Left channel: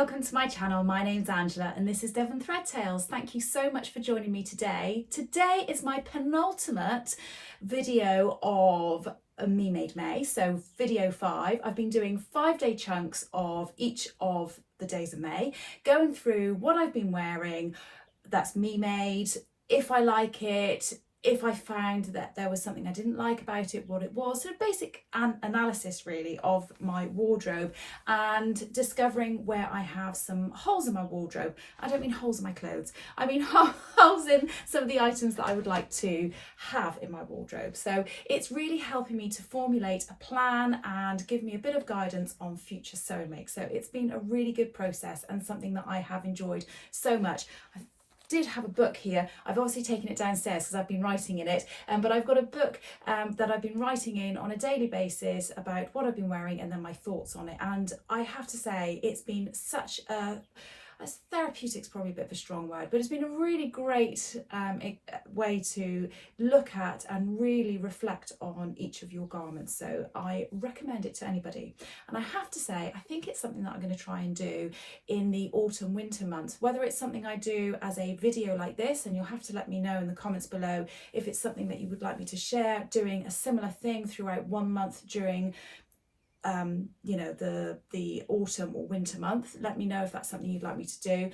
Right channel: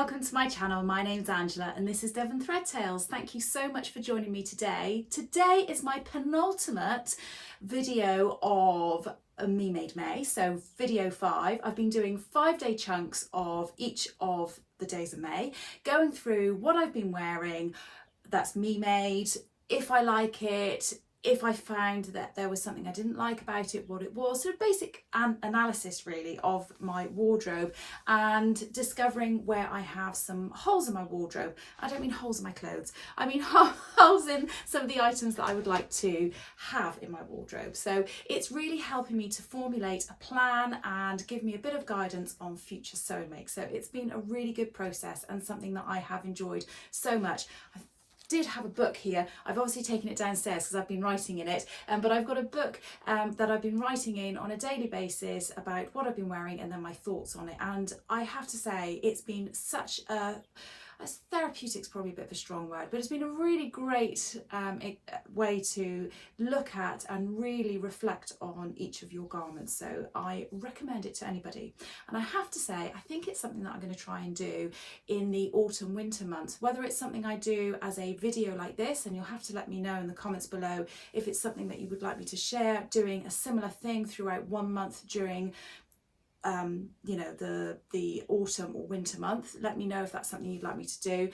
welcome to my channel. My name's Angela and this is Devon Thread Tales. Thank you so much for joining me today. Today is my penultimate video of Me Made May, so video 5. I've been doing 5-day chunks of each of the days of May, going through what I've been wearing that's me made, if I like it, if I found that there was something I didn't like about it, what it was. So basic analysis really of my wardrobe and discovering where I have some holes in my wardrobe. I don't mean holes in my clothes, I mean holes in some of the items that I would like to have in my wardrobe. So it's really helping me to formulate a plan and give me a bit of guidance on future sewing makes. So it's been a really good process and something that I have enjoyed so much. I did have a book here. I've obviously taken it downstairs because I've been writing in it, but I've got a book that I've been writing in on a daily basis about what I've been wearing and then my thoughts on it. And I have to say it's been such a therapeutic's probably a bit of a strong word, but it's been a really great way to look at and really reflect on each of your garments. So I recommend it to anybody. And I have to say, I think it's something that I'm going to try and do in the autumn winter months, whether it's something I do as a video like this, and you'll have to let me know in the comments below if it's something that you would like me to share, doing a similar thing throughout 1 month during you know, the autumn or winter month. Let me know if that's something you'd like me to do,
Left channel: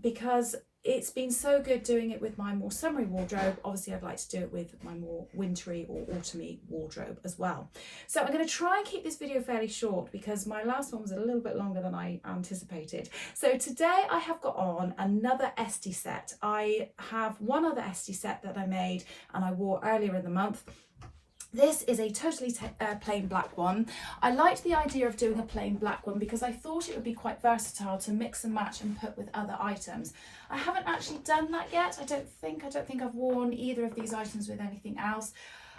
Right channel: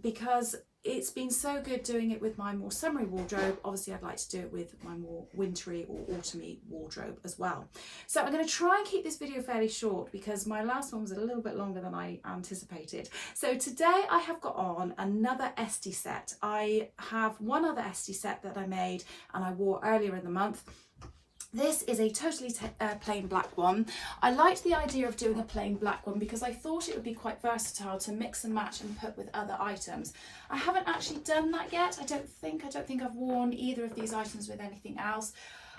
because it's been so good doing it with my more summery wardrobe. Obviously I'd like to do it with my more wintry or autumny wardrobe as well. So I'm going to try and keep this video fairly short because my last one was a little bit longer than I anticipated. So today I have got on another Esti set. I have one other Esti set that I made and I wore earlier in the month. This is a totally plain black one. I liked the idea of doing a plain black one because I thought it would be quite versatile to mix and match and put with other items. I haven't actually done that yet. I don't think I've worn either of these items with anything else.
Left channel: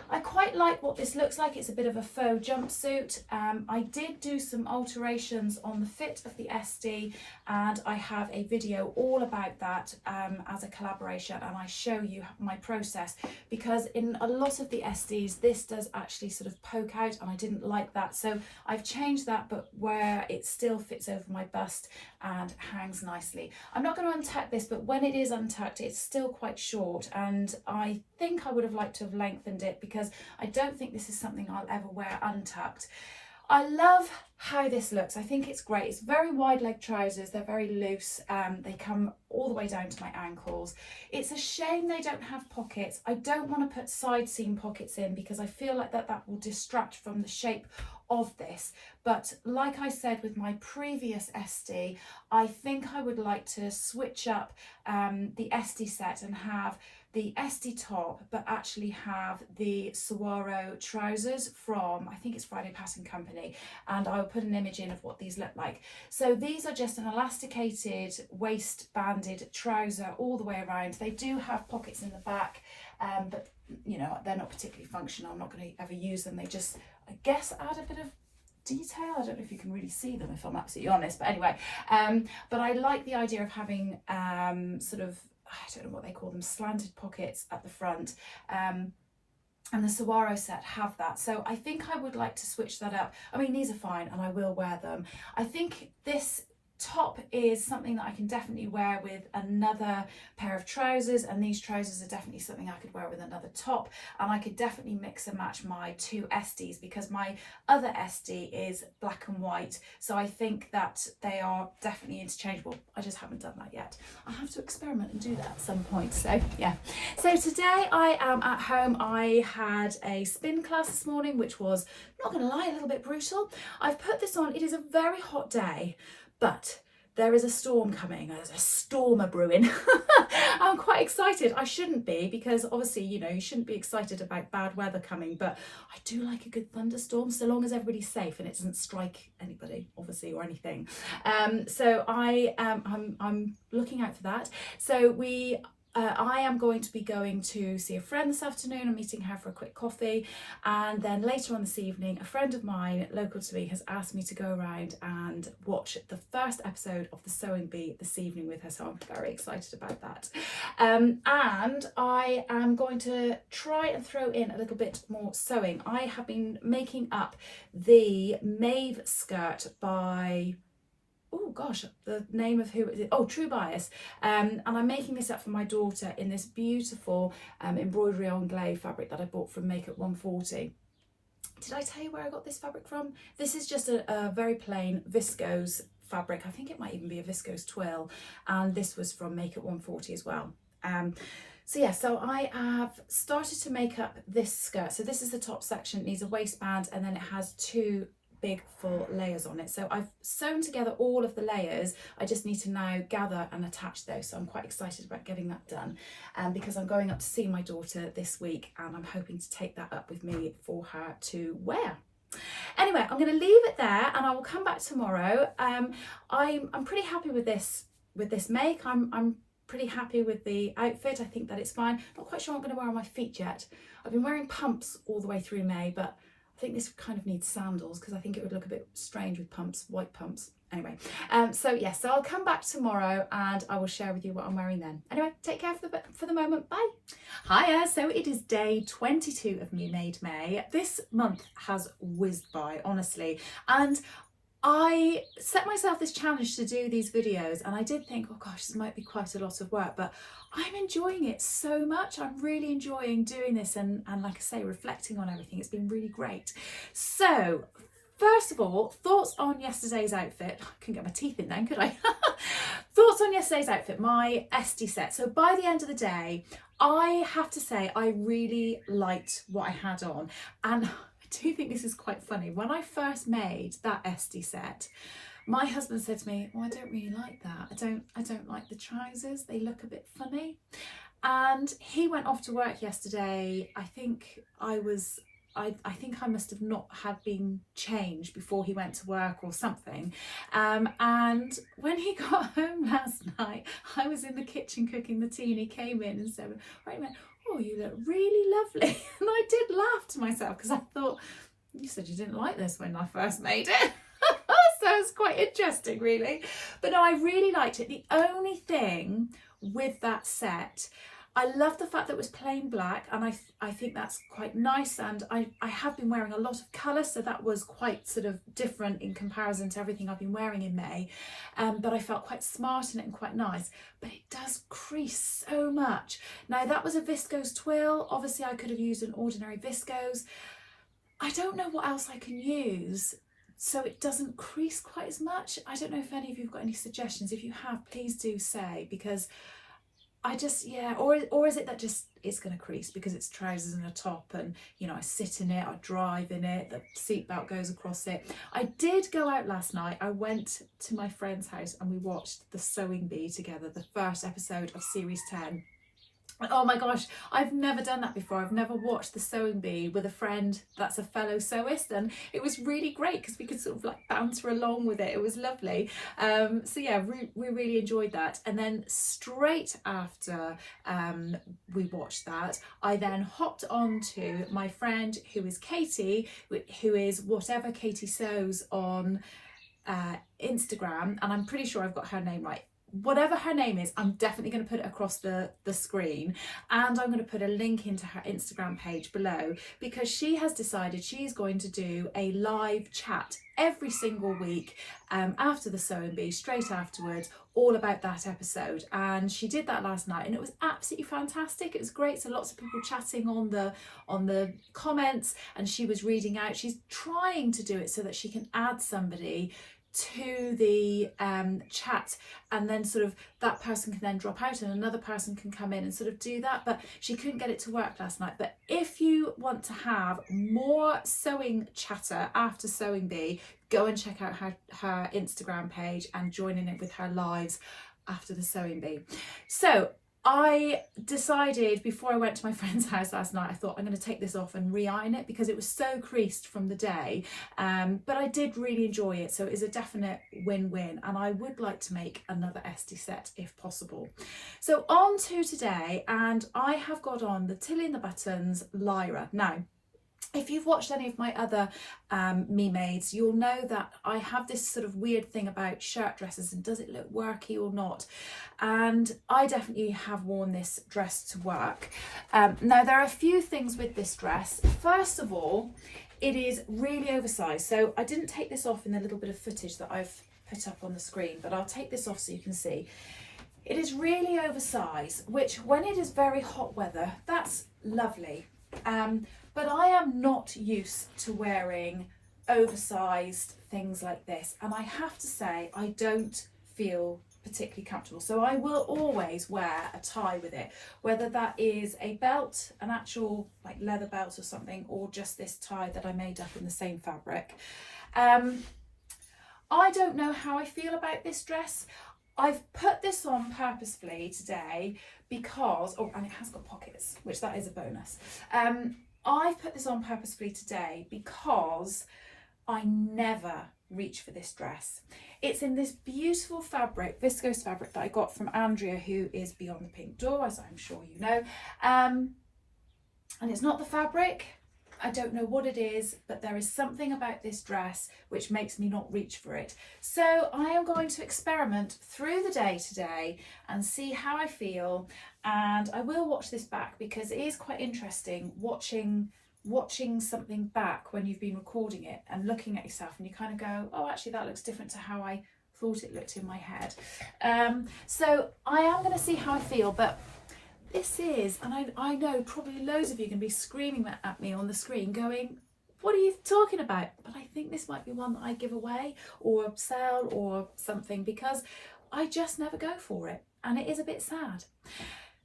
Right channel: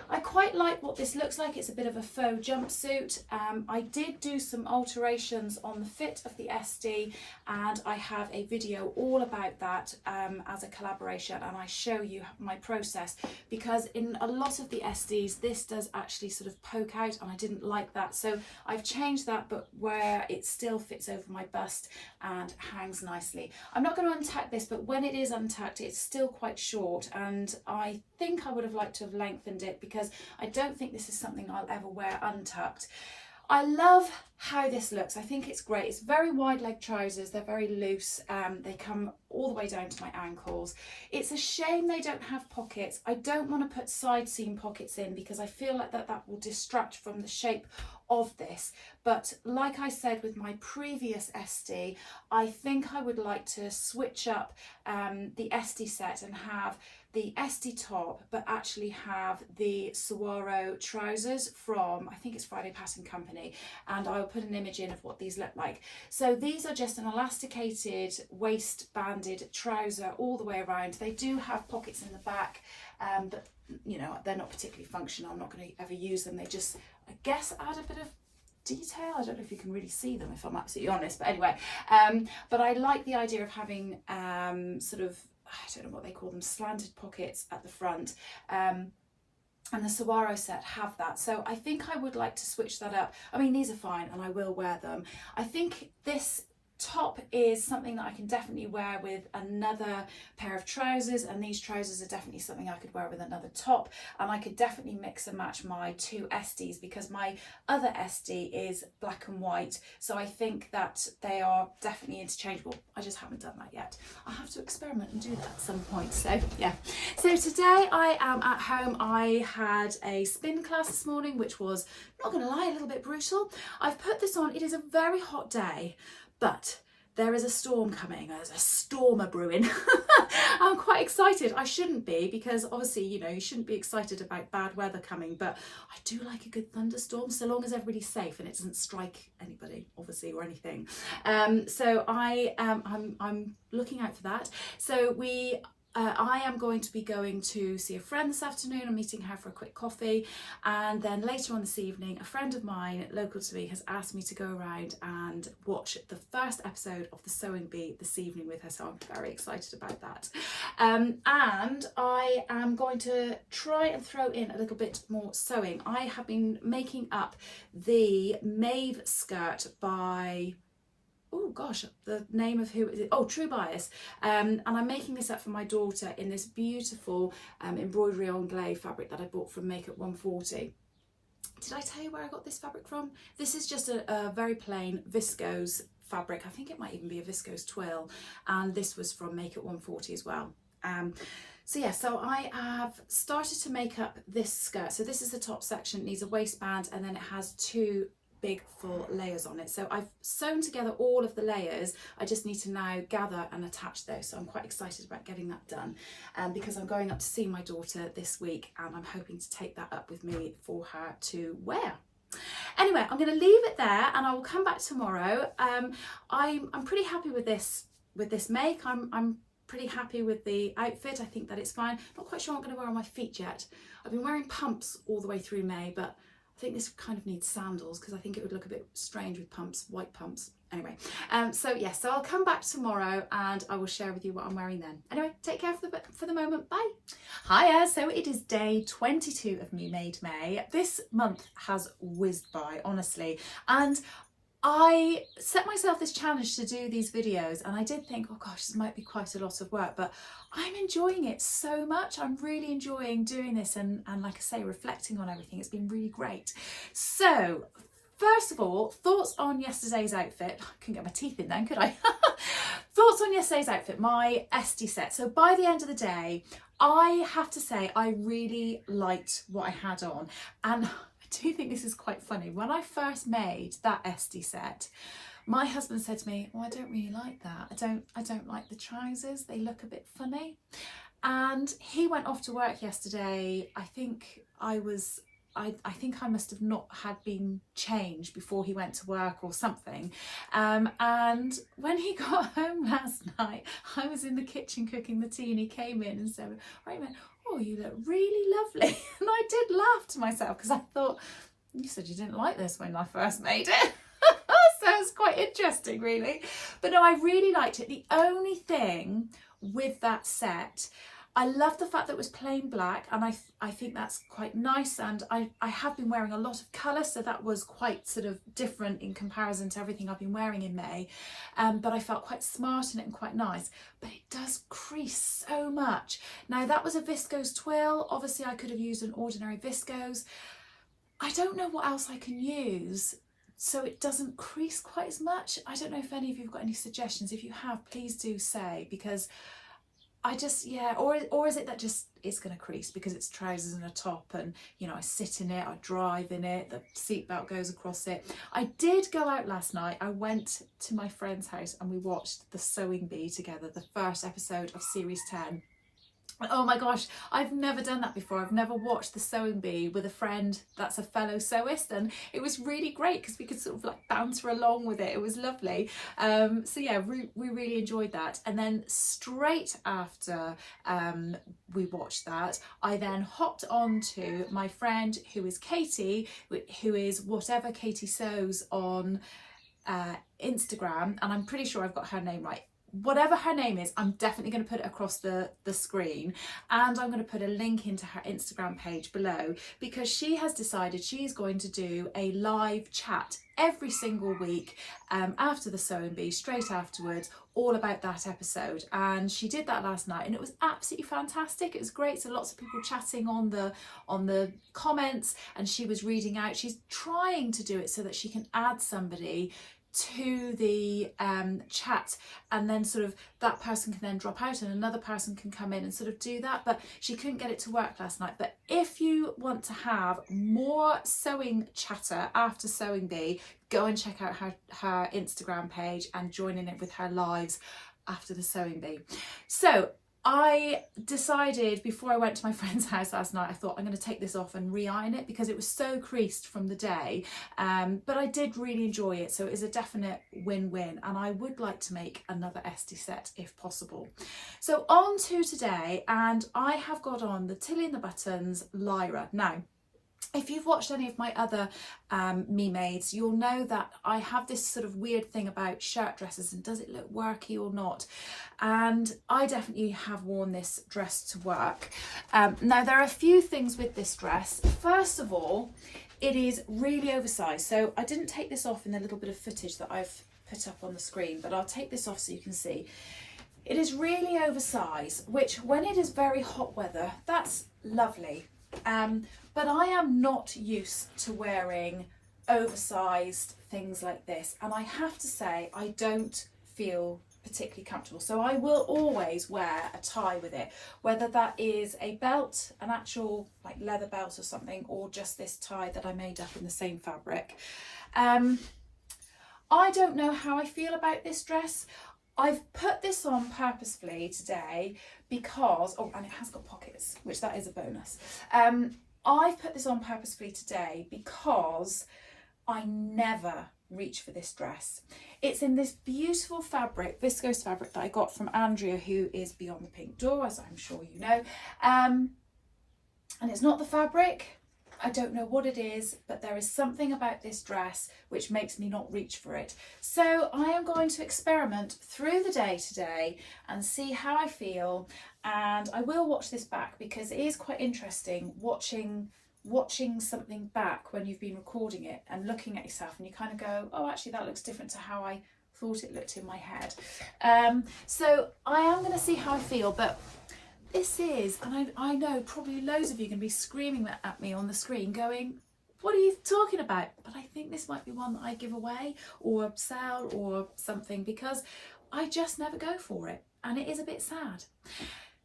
I quite like what this looks like. It's a bit of a faux jumpsuit. I did do some alterations on the fit of the Esti and I have a video all about that as a collaboration, and I show you my process because in a lot of the Estis this does actually sort of poke out and I didn't like that. So I've changed that, but where it still fits over my bust and hangs nicely. I'm not going to untuck this, but when it is untucked it's still quite short, and I think I would have liked to have lengthened it because I don't think this is something I'll ever wear untucked. I love how this looks. I think it's great. It's very wide leg trousers. They're very loose. They come all the way down to my ankles. It's a shame they don't have pockets. I don't want to put side seam pockets in because I feel like that will distract from the shape of this. But like I said with my previous Esti, I think I would like to switch up the Esti set and have the Esti top, but actually have the Saguaro trousers from, I think it's Friday Pattern Company, and I'll put an image in of what these look like. So these are just an elasticated waist-banded trouser all the way around. They do have pockets in the back, but you know, they're not particularly functional. I'm not going to ever use them. They just, I guess, add a bit of detail. I don't know if you can really see them if I'm absolutely honest, but anyway, but I like the idea of having sort of, I don't know what they call them, slanted pockets at the front, and the Saguaro set have that. So I think I would like to switch that up. I mean, these are fine and I will wear them. I think this top is something that I can definitely wear with another pair of trousers, and these trousers are definitely something I could wear with another top, and I could definitely mix and match my two Estis because my other Esti is black and white, so I think that they are definitely interchangeable. I just haven't done that yet. I'll have to experiment and do that at some point. So yeah, so today I am at home. I had a spin class this morning, which was, not gonna lie, a little bit brutal. I've put this on. It is a very hot day, but there is a storm coming. There's a storm brewing. I'm quite excited. I shouldn't be, because obviously, you know, you shouldn't be excited about bad weather coming, but I do like a good thunderstorm so long as everybody's safe and it doesn't strike anybody, obviously, or anything. So I'm looking out for that. So I am going to be going to see a friend this afternoon. I'm meeting her for a quick coffee, and then later on this evening a friend of mine local to me has asked me to go around and watch the first episode of the Sewing Bee this evening with her, so I'm very excited about that. And I am going to try and throw in a little bit more sewing. I have been making up the Maeve skirt by oh gosh, the name of who is it? Oh, True Bias. And I'm making this up for my daughter in this beautiful embroidery anglais fabric that I bought from Makeup 140. Did I tell you where I got this fabric from? This is just a very plain viscose fabric. I think it might even be a viscose twill, and this was from Makeup 140 as well. So yeah, so I have started to make up this skirt. So this is the top section, it needs a waistband, and then it has 2 big full layers on it. So I've sewn together all of the layers. I just need to now gather and attach those. So I'm quite excited about getting that done, because I'm going up to see my daughter this week, and I'm hoping to take that up with me for her to wear. Anyway, I'm going to leave it there, and I will come back tomorrow. I'm pretty happy with this make. I'm pretty happy with the outfit. I think that it's fine. Not quite sure what I'm going to wear on my feet yet. I've been wearing pumps all the way through May, but I think this kind of needs sandals because I think it would look a bit strange with pumps, white pumps. Anyway, so yes, so I'll come back tomorrow and I will share with you what I'm wearing then. Anyway, take care for the moment. Bye. Hiya, so it is day 22 of Me Made May. This month has whizzed by, honestly, and I set myself this challenge to do these videos, and I did think, oh gosh, this might be quite a lot of work, but I'm enjoying it so much. I'm really enjoying doing this and like I say, reflecting on everything. It's been really great. So first of all, thoughts on yesterday's outfit. I couldn't get my teeth in then, could I? Thoughts on yesterday's outfit, my Esti set. So by the end of the day, I have to say I really liked what I had on, and I do think this is quite funny. When I first made that Esti set, my husband said to me, "Oh, I don't really like that. I don't like the trousers. They look a bit funny." And he went off to work yesterday. I think I must have not had been changed before he went to work or something. And when he got home last night, I was in the kitchen cooking the tea, and he came in and said, "Right, man, oh, you look really lovely." And I did laugh to myself because I thought, you said you didn't like this when I first made it. So it's quite interesting, really. But no, I really liked it. The only thing with that set, I love the fact that it was plain black, and I think that's quite nice, and I have been wearing a lot of colour, so that was quite sort of different in comparison to everything I've been wearing in May, but I felt quite smart in it and quite nice. But it does crease so much. Now that was a viscose twill. Obviously I could have used an ordinary viscose. I don't know what else I can use so it doesn't crease quite as much. I don't know if any of you have got any suggestions. If you have, please do say, because I just, yeah, or is it that just it's going to crease because it's trousers and a top, and you know, I sit in it, I drive in it, the seatbelt goes across it. I did go out last night. I went to my friend's house and we watched The Sewing Bee together, the first episode of series 10. Oh my gosh, I've never done that before. I've never watched The Sewing Bee with a friend that's a fellow sewist, and it was really great because we could sort of like banter along with it. It was lovely. So yeah, we really enjoyed that. And then straight after we watched that, I then hopped on to my friend who is Katie, who is Whatever Katie Sews on Instagram, and I'm pretty sure I've got her name right. Whatever her name is, I'm definitely going to put it across the screen, and I'm going to put a link into her Instagram page below, because she has decided she's going to do a live chat every single week after The Sewing Bee, straight afterwards, all about that episode. And she did that last night and it was absolutely fantastic. It was great. So lots of people chatting on the comments, and she was reading out. She's trying to do it so that she can add somebody to the chat, and then sort of that person can then drop out and another person can come in and sort of do that, but she couldn't get it to work last night. But if you want to have more sewing chatter after Sewing Bee, go and check out her Instagram page and join in it with her lives after the Sewing Bee. So I decided before I went to my friend's house last night, I thought I'm going to take this off and re-iron it because it was so creased from the day, but I did really enjoy it, so it is a definite win-win, and I would like to make another Esti set if possible. So on to today, and I have got on the Tilly and the Buttons Lyra. Now, if you've watched any of my other Me Mades, you'll know that I have this sort of weird thing about shirt dresses and does it look worky or not, and I definitely have worn this dress to work. Now there are a few things with this dress. First of all, it is really oversized, so I didn't take this off in the little bit of footage that I've put up on the screen, but I'll take this off so you can see. It is really oversized, which when it is very hot weather, that's lovely. But I am not used to wearing oversized things like this, and I have to say I don't feel particularly comfortable. So I will always wear a tie with it, whether that is a belt, an actual like leather belt or something, or just this tie that I made up in the same fabric. I don't know how I feel about this dress. I've put this on purposefully today because, oh, and it has got pockets, which that is a bonus. I've put this on purposefully today because I never reach for this dress. It's in this beautiful fabric, viscose fabric, that I got from Andrea, who is Beyond the Pink Door, as I'm sure you know. And it's not the fabric, I don't know what it is, but there is something about this dress which makes me not reach for it. So I am going to experiment through the day today and see how I feel. And I will watch this back because it is quite interesting watching something back when you've been recording it and looking at yourself, and you kind of go, oh, actually that looks different to how I thought it looked in my head. So I am going to see how I feel, but this is, and I know probably loads of you are going to be screaming at me on the screen going, what are you talking about? But I think this might be one that I give away or sell or something, because I just never go for it, and it is a bit sad.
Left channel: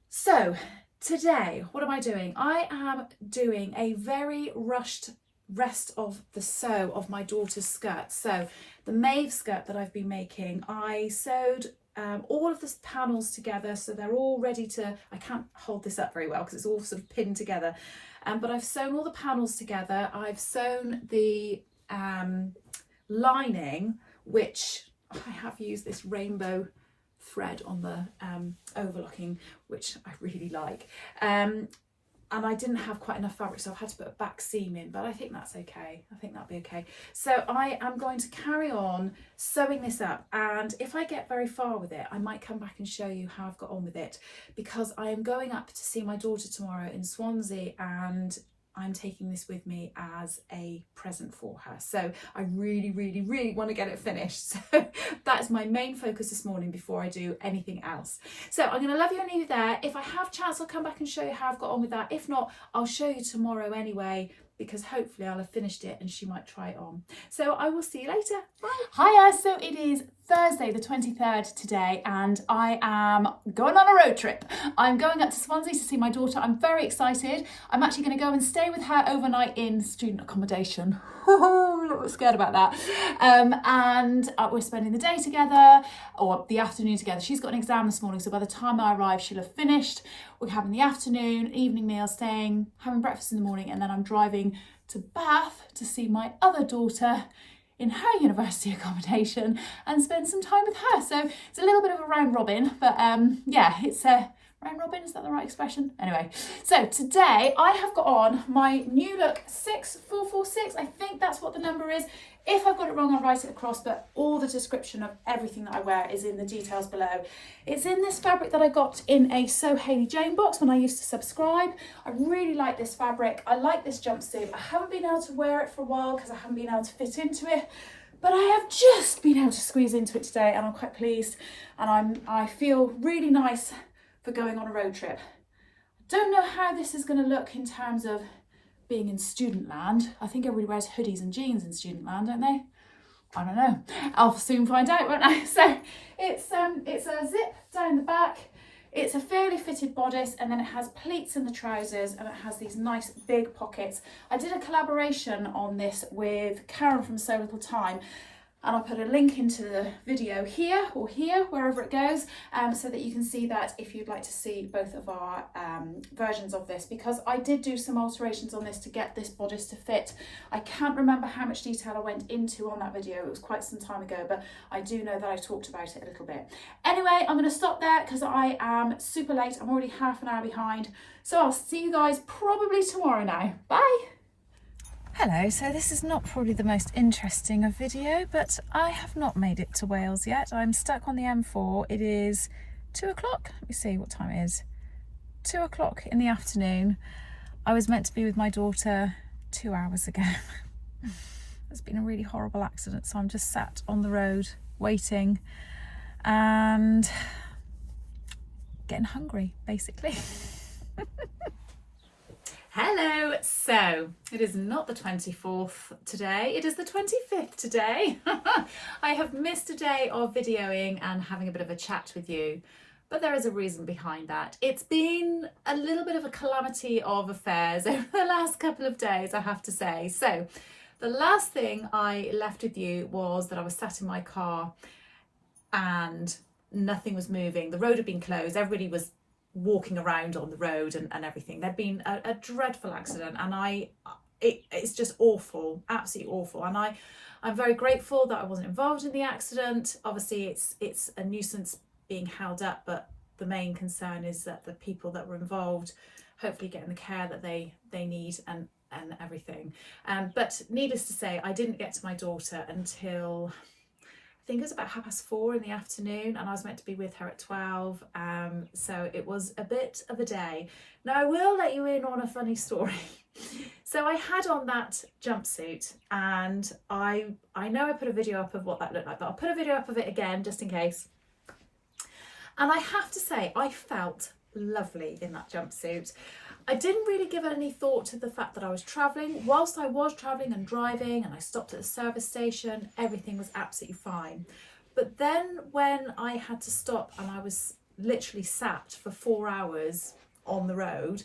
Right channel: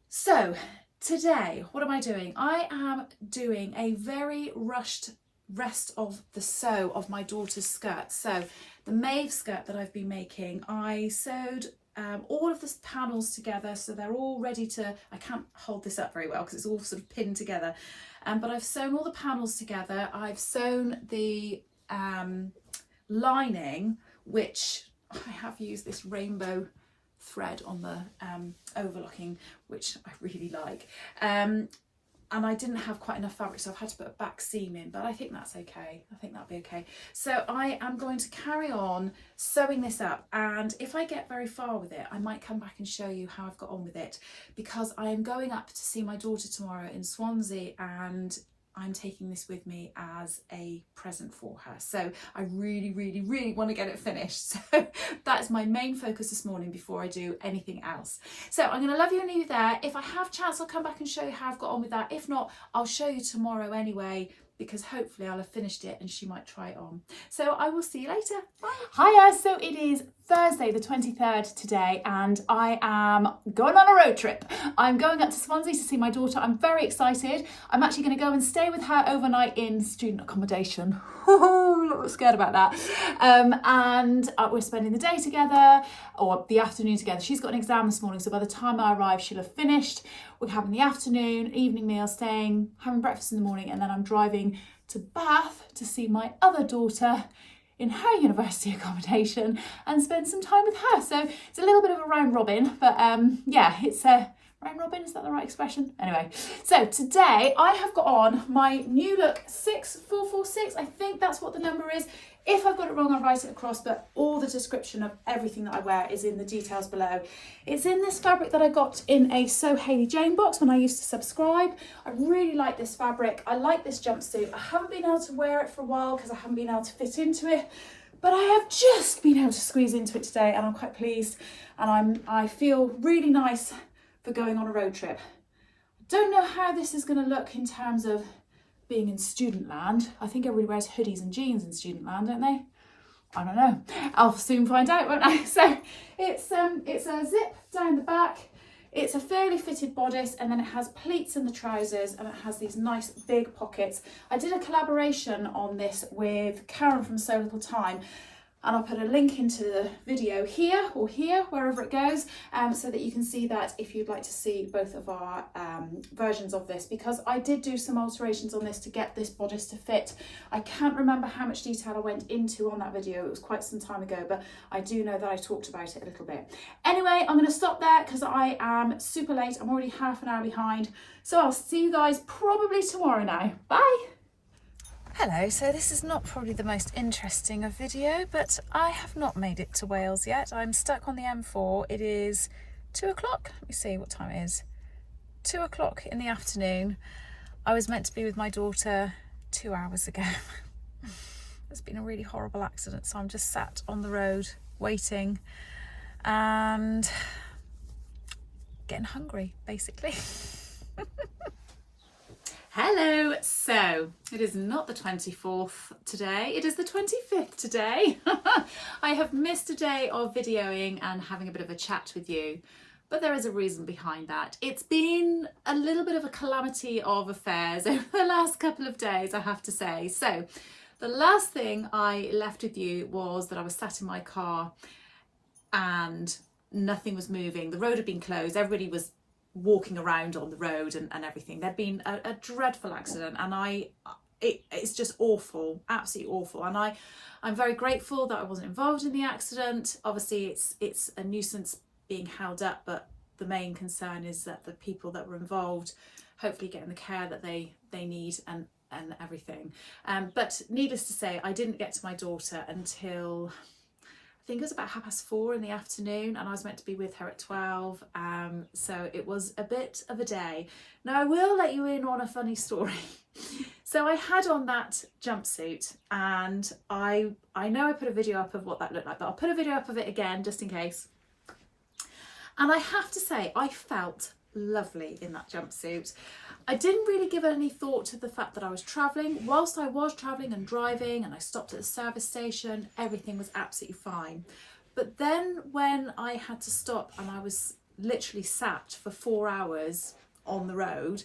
So today, what am I doing? I am doing a very rushed rest of the sew of my daughter's skirt. So the Maeve skirt that I've been making, I sewed all of the panels together, so they're all ready to, I can't hold this up very well because it's all sort of pinned together, but I've sewn all the panels together. I've sewn the lining, which I have used this rainbow thread on the overlocking, which I really like, and I didn't have quite enough fabric, so I've had to put a back seam in, but I think that's okay. I think that'll be okay. So I am going to carry on sewing this up, and if I get very far with it, I might come back and show you how I've got on with it, because I am going up to see my daughter tomorrow in Swansea, and I'm taking this with me as a present for her. So I really, really, really want to get it finished. So that is my main focus this morning before I do anything else. So I'm going to love you and leave you there. If I have chance, I'll come back and show you how I've got on with that. If not, I'll show you tomorrow anyway, because hopefully I'll have finished it and she might try it on. So I will see you later. Bye. Hiya, so it is Thursday the 23rd today, and I am going on a road trip. I'm going up to Swansea to see my daughter. I'm very excited. I'm actually going to go and stay with her overnight in student accommodation. A little bit scared about that. And we're spending the day together, or the afternoon together. She's got an exam this morning, so by the time I arrive she'll have finished. We're having the afternoon, evening meal, staying, having breakfast in the morning, and then I'm driving to Bath to see my other daughter in her university accommodation and spend some time with her. So it's a little bit of a round robin, but yeah, it's a round robin, is that the right expression? Anyway, so today I have got on my new look 6446. I think that's what the number is. If I've got it wrong, I'll write it across, but all the description of everything that I wear is in the details below. It's in this fabric that I got in a Sew Hayley Jane box when I used to subscribe. I really like this fabric. I like this jumpsuit. I haven't been able to wear it for a while because I haven't been able to fit into it, but I have just been able to squeeze into it today, and I'm quite pleased, and I feel really nice for going on a road trip. I don't know how this is going to look in terms of being in student land. I think everybody wears hoodies and jeans in student land, don't they? I don't know. I'll soon find out, won't I? So it's a zip down the back. It's a fairly fitted bodice, and then it has pleats in the trousers, and it has these nice big pockets. I did a collaboration on this with Karen from So Little Time, and I'll put a link into the video here or here, wherever it goes, so that you can see that if you'd like to see both of our versions of this, because I did do some alterations on this to get this bodice to fit. I can't remember how much detail I went into on that video. It was quite some time ago, but I do know that I talked about it a little bit. Anyway, I'm going to stop there because I am super late. I'm already half an hour behind. So I'll see you guys probably tomorrow now. Bye. Hello, so this is not probably the most interesting of video, but I have not made it to Wales yet. I'm stuck on the M4. It is 2 o'clock. Let me see what time it is. 2 o'clock in the afternoon. I was meant to be with my daughter 2 hours ago. There's been a really horrible accident, so I'm just sat on the road waiting and getting hungry, basically. Hello, so it is not the 24th today, it is the 25th today. I have missed a day of videoing and having a bit of a chat with you, but there is a reason behind that. It's been a little bit of a calamity of affairs over the last couple of days, I have to say. So the last thing I left with you was that I was sat in my car and nothing was moving. The road had been closed, everybody was walking around on the road and everything. There'd been a dreadful accident, and it's just awful, absolutely awful. And I'm very grateful that I wasn't involved in the accident. Obviously it's a nuisance being held up, but the main concern is that the people that were involved hopefully getting the care that they need and everything. But needless to say, I didn't get to my daughter until I think it was about 4:30 in the afternoon, and I was meant to be with her at 12, so it was a bit of a day. Now I will let you in on a funny story. So I had on that jumpsuit, and I know I put a video up of what that looked like, but I'll put a video up of it again just in case. And I have to say, I felt lovely in that jumpsuit. I didn't really give any thought to the fact that I was travelling. Whilst I was travelling and driving and I stopped at the service station, everything was absolutely fine. But then when I had to stop and I was literally sat for 4 hours on the road,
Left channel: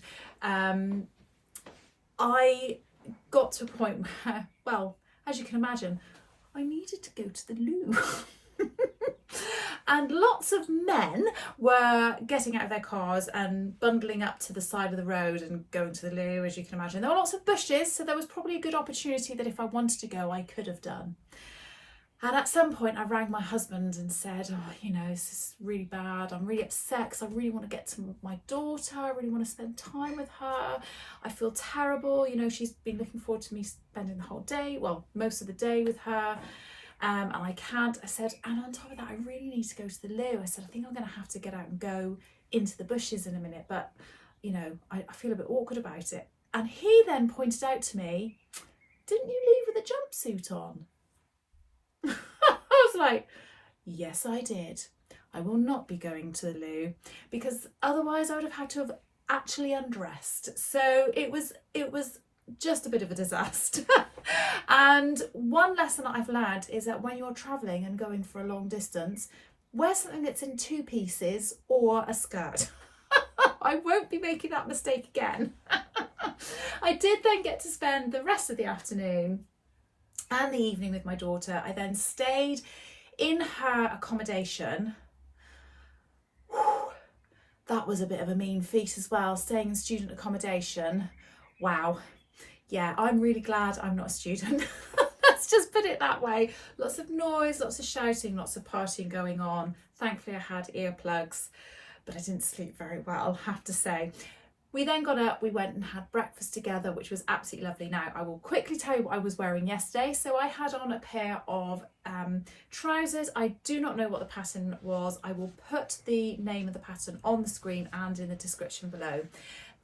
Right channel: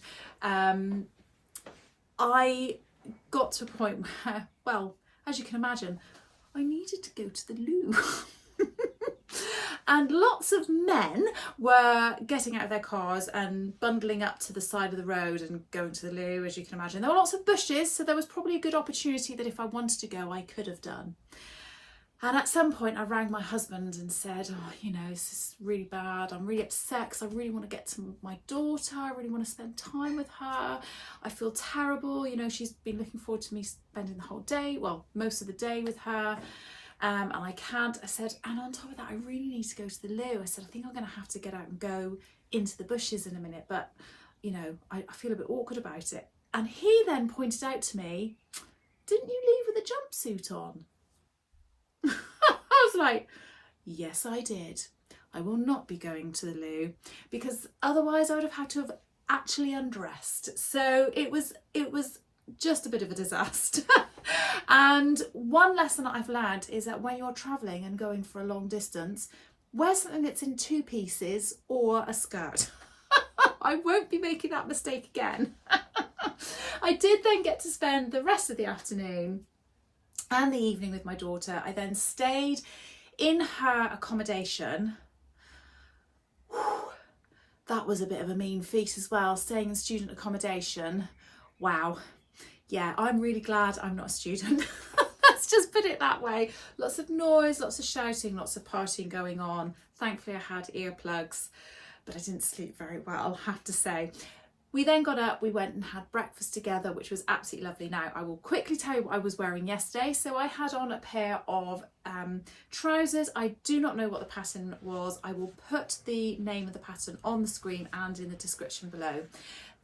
I got to a point where, well, as you can imagine, I needed to go to the loo. And lots of men were getting out of their cars and bundling up to the side of the road and going to the loo, as you can imagine. There were lots of bushes, so there was probably a good opportunity that if I wanted to go, I could have done. And at some point I rang my husband and said, oh, you know, this is really bad. I'm really upset because I really want to get to my daughter. I really want to spend time with her. I feel terrible. You know, she's been looking forward to me spending the whole day, well, most of the day with her. And I can't. I said, and on top of that, I really need to go to the loo. I said, I think I'm going to have to get out and go into the bushes in a minute, but, you know, I feel a bit awkward about it. And he then pointed out to me, didn't you leave with a jumpsuit on? I was like, yes, I did. I will not be going to the loo because otherwise I would have had to have actually undressed. So it was just a bit of a disaster. And one lesson that I've learned is that when you're traveling and going for a long distance, wear something that's in 2 pieces or a skirt. I won't be making that mistake again. I did then get to spend the rest of the afternoon and the evening with my daughter. I then stayed in her accommodation. That was a bit of a mean feat as well, staying in student accommodation. Wow. Yeah, I'm really glad I'm not a student. Let's just put it that way. Lots of noise, lots of shouting, lots of partying going on. Thankfully I had earplugs, but I didn't sleep very well, I have to say. We then got up, we went and had breakfast together, which was absolutely lovely. Now, I will quickly tell you what I was wearing yesterday. So I had on a pair of trousers. I do not know what the pattern was. I will put the name of the pattern on the screen and in the description below.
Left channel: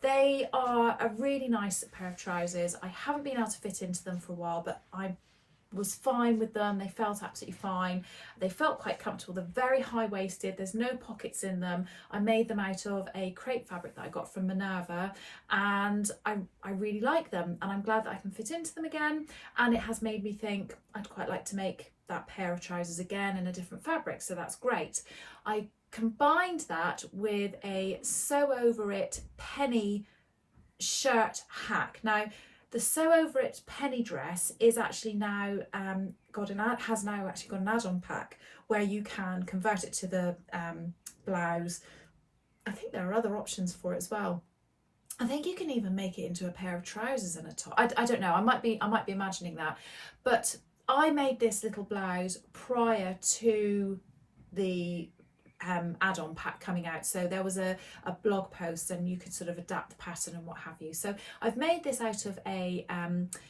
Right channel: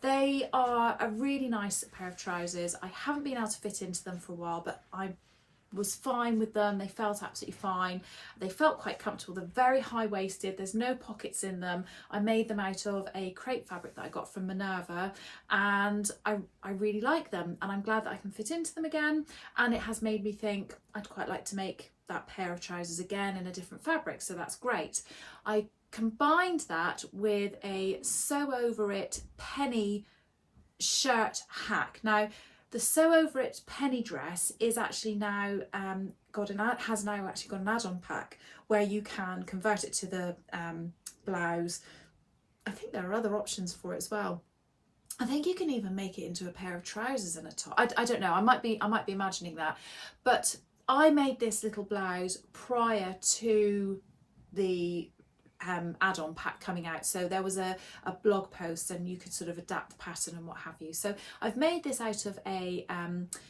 They are a really nice pair of trousers. I haven't been able to fit into them for a while, but I was fine with them. They felt absolutely fine. They felt quite comfortable. They're very high-waisted. There's no pockets in them. I made them out of a crepe fabric that I got from Minerva, and I really like them, and I'm glad that I can fit into them again. And it has made me think I'd quite like to make that pair of trousers again in a different fabric, so that's great. I combined that with a Sew Over It Penny shirt hack. Now, the Sew Over It Penny dress is actually now has now actually got an add-on pack where you can convert it to the blouse. I think there are other options for it as well. I think you can even make it into a pair of trousers and a top. I don't know. I might be imagining that, but I made this little blouse prior to the add-on pack coming out, so there was a blog post and you could sort of adapt the pattern and what have you. So I've made this out of a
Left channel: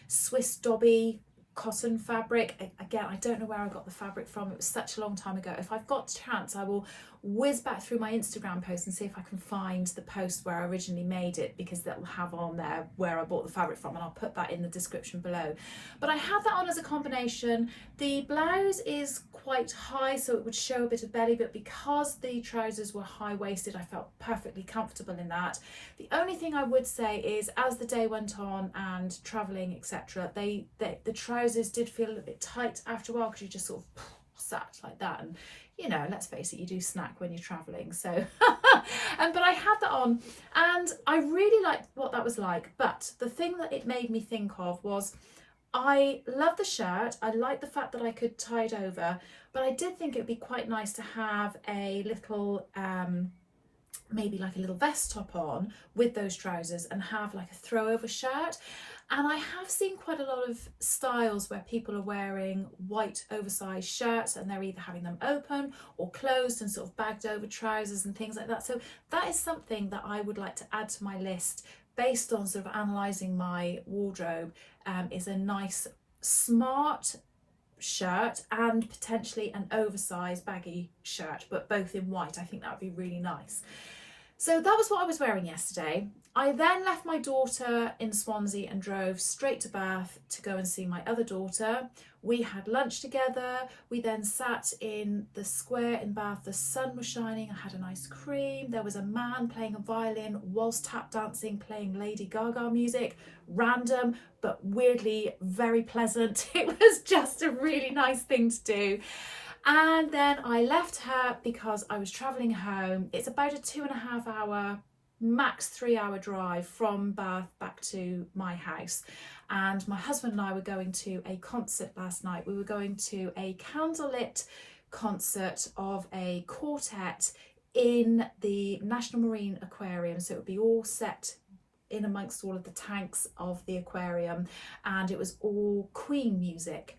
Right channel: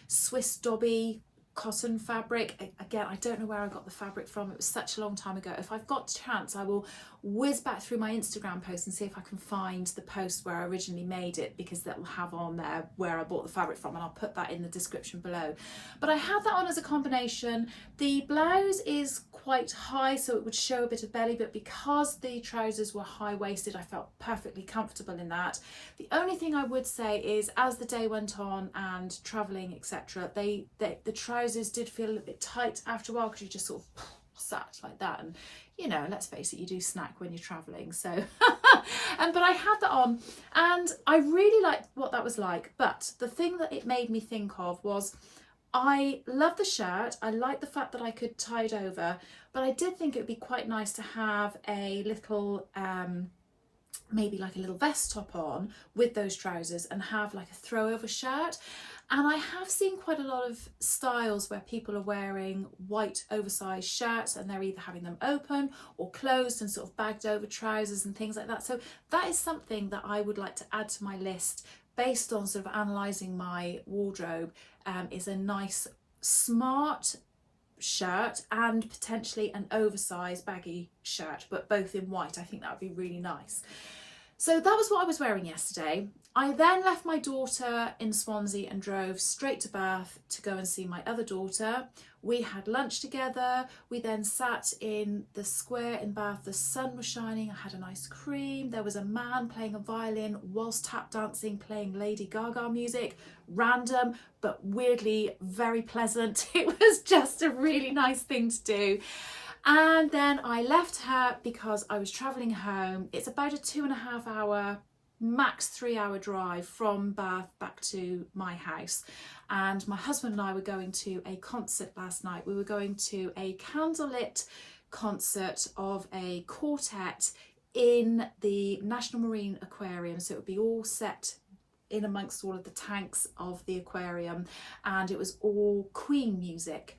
Swiss Dobby cotton fabric. Again, I don't know where I got the fabric from. It was such a long time ago. If I've got a chance, I will whiz back through my Instagram post and see if I can find the post where I originally made it, because that will have on there where I bought the fabric from, and I'll put that in the description below. But I had that on as a combination. The blouse is quite high, so it would show a bit of belly, but because the trousers were high-waisted, I felt perfectly comfortable in that. The only thing I would say is, as the day went on and travelling, etc., the trousers did feel a little bit tight after a while, because you just sort of sat like that, and you know, let's face it, you do snack when you're travelling. So but I had that on and I really liked what that was like. But the thing that it made me think of was, I love the shirt, I like the fact that I could tie it over, but I did think it would be quite nice to have a little maybe like a little vest top on with those trousers and have like a throw over shirt. And I have seen quite a lot of styles where people are wearing white oversized shirts and they're either having them open or closed and sort of bagged over trousers and things like that. So that is something that I would like to add to my list, based on sort of analysing my wardrobe, is a nice smart shirt and potentially an oversized baggy shirt, but both in white. I think that would be really nice. So that was what I was wearing yesterday. I then left my daughter in Swansea and drove straight to Bath to go and see my other daughter. We had lunch together. We then sat in the square in Bath. The sun was shining. I had an ice cream. There was a man playing a violin whilst tap dancing, playing Lady Gaga music. Random, but weirdly very pleasant. It was just a really nice thing to do. And then I left her because I was travelling home. It's about a 2.5 hour, max 3 hour drive from Bath back to my house. And my husband and I were going to a concert last night. We were going to a candlelit concert of a quartet in the National Marine Aquarium. So it would be all set in amongst all of the tanks of the aquarium, and it was all Queen music.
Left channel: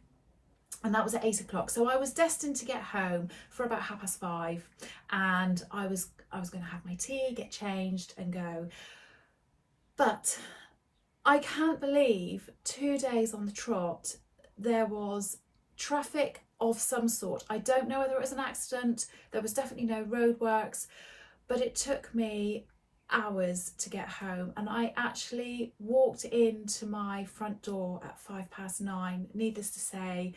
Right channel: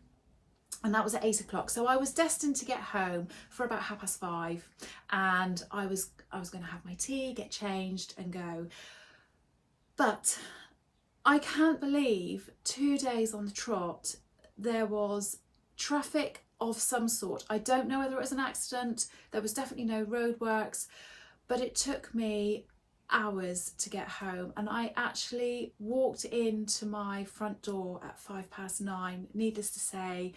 And that was at 8 o'clock. So I was destined to get home for about 5:30, and I was going to have my tea, get changed and go. But I can't believe 2 days on the trot there was traffic of some sort. I don't know whether it was an accident. There was definitely no roadworks, but it took me hours to get home, and I actually walked into my front door at 9:05. Needless to say,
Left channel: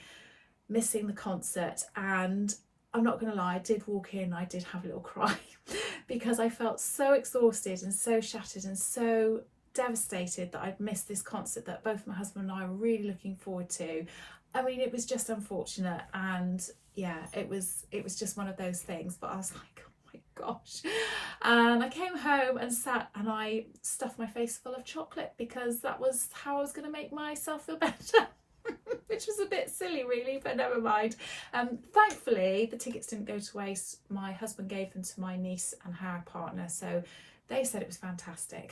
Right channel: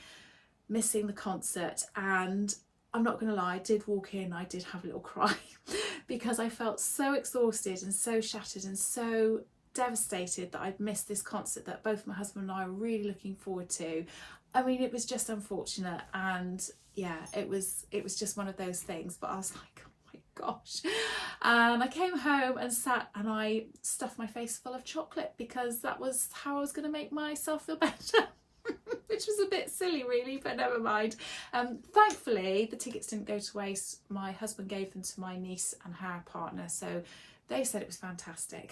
missing the concert. And I'm not gonna lie, I did walk in, I did have a little cry because I felt so exhausted and so shattered and so devastated that I'd missed this concert that both my husband and I were really looking forward to. I mean, it was just unfortunate, and yeah, it was just one of those things. But I was like, oh my gosh. And I came home and sat and I stuffed my face full of chocolate, because that was how I was going to make myself feel better. Which was a bit silly really, but never mind. Thankfully the tickets didn't go to waste. My husband gave them to my niece and her partner, so they said it was fantastic.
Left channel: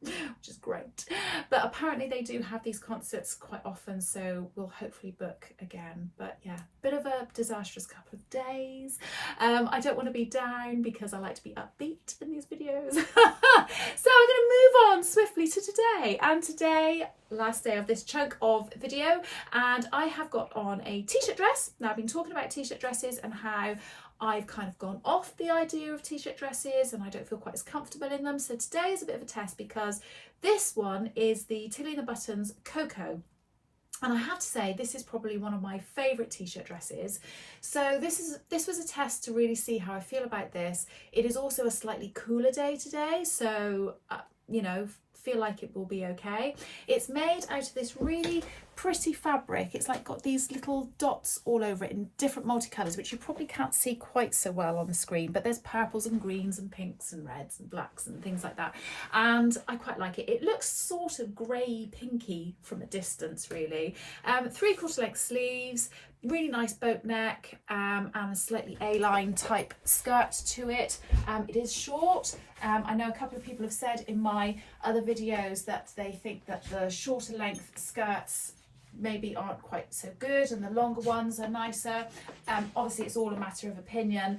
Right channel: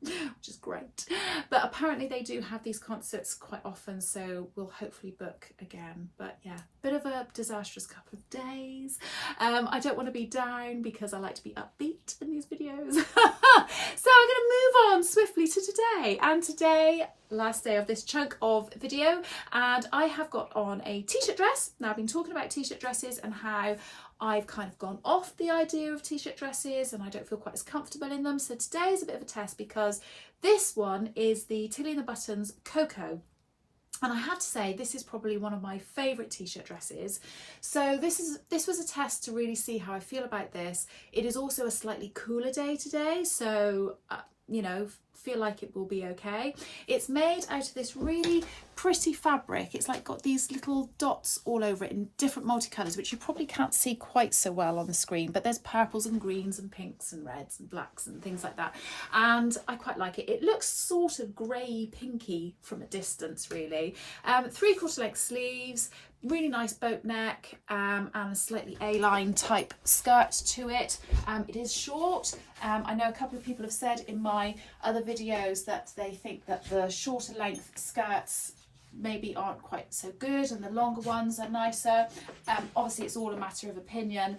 Which is great. But apparently they do have these concerts quite often, so we'll hopefully book again. But yeah, bit of a disastrous couple of days. I don't want to be down because I like to be upbeat in these videos. So I'm going to move on swiftly to today. And today, last day of this chunk of video, and I have got on a t-shirt dress. Now I've been talking about t-shirt dresses and how I've kind of gone off the idea of t-shirt dresses and I don't feel quite as comfortable in them. So today is a bit of a test, because this one is the Tilly and the Buttons Coco. And I have to say, this is probably one of my favourite t-shirt dresses. So this was a test to really see how I feel about this. It is also a slightly cooler day today, so you know, feel like it will be okay. It's made out of this really pretty fabric. It's like got these little dots all over it in different multicolours, which you probably can't see quite so well on the screen, but there's purples and greens and pinks and reds and blacks and things like that, and I quite like it. It looks sort of grey pinky from a distance really. 3/4 length sleeves, really nice boat neck, and a slightly A-line type skirt to it. It is short. I know a couple of people have said in my other videos that they think that the shorter length skirts maybe aren't quite so good and the longer ones are nicer. Obviously it's all a matter of opinion,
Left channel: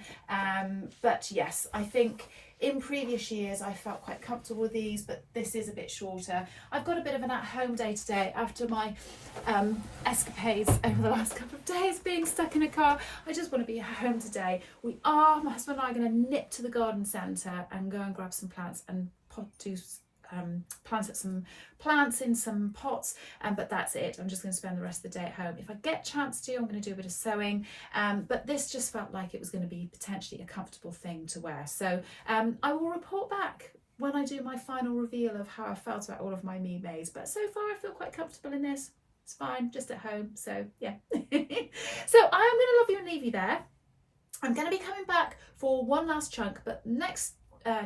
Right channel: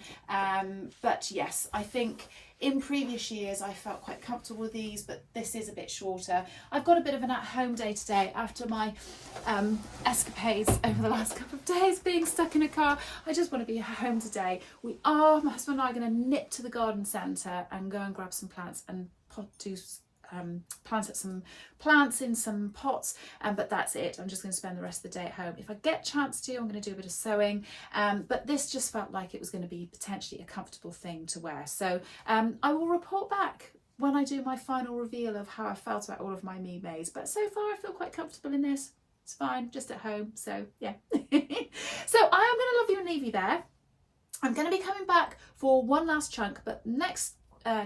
but yes, I think In previous years I felt quite comfortable with these, but this is a bit shorter. I've got a bit of an at-home day today after my escapades over the last couple of days being stuck in a car. I just want to be at home today. My husband and I are going to nip to the garden centre and go and grab some plants and plant some plants in some pots, but that's it. I'm just going to spend the rest of the day at home. If I get a chance to, I'm going to do a bit of sewing, but this just felt like it was going to be potentially a comfortable thing to wear. So I will report back when I do my final reveal of how I felt about all of my Me Maids, but so far I feel quite comfortable in this. It's fine, just at home, so yeah. So I am going to love you and leave you there. I'm going to be coming back for one last chunk, but next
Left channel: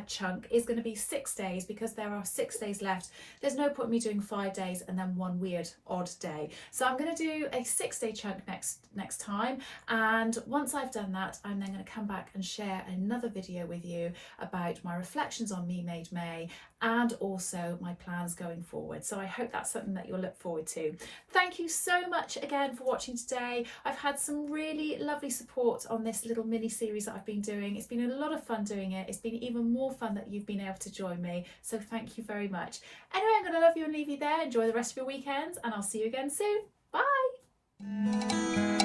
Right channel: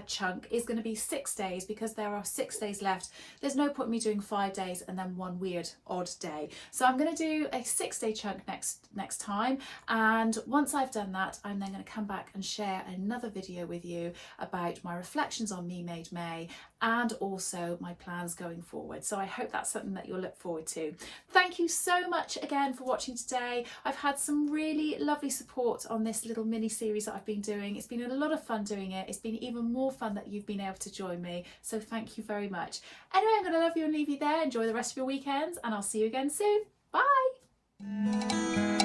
chunk is going to be 6 days, because there are 6 days left. There's no point in me doing 5 days and then one weird odd day. So I'm going to do a 6-day chunk next time, and once I've done that, I'm then going to come back and share another video with you about my reflections on Me Made May and also my plans going forward. So I hope that's something that you'll look forward to. Thank you so much again for watching today. I've had some really lovely support on this little mini series that I've been doing. It's been a lot of fun doing it. It's been even more fun that you've been able to join me. So thank you very much. Anyway, I'm going to love you and leave you there. Enjoy the rest of your weekends, and I'll see you again soon. Bye.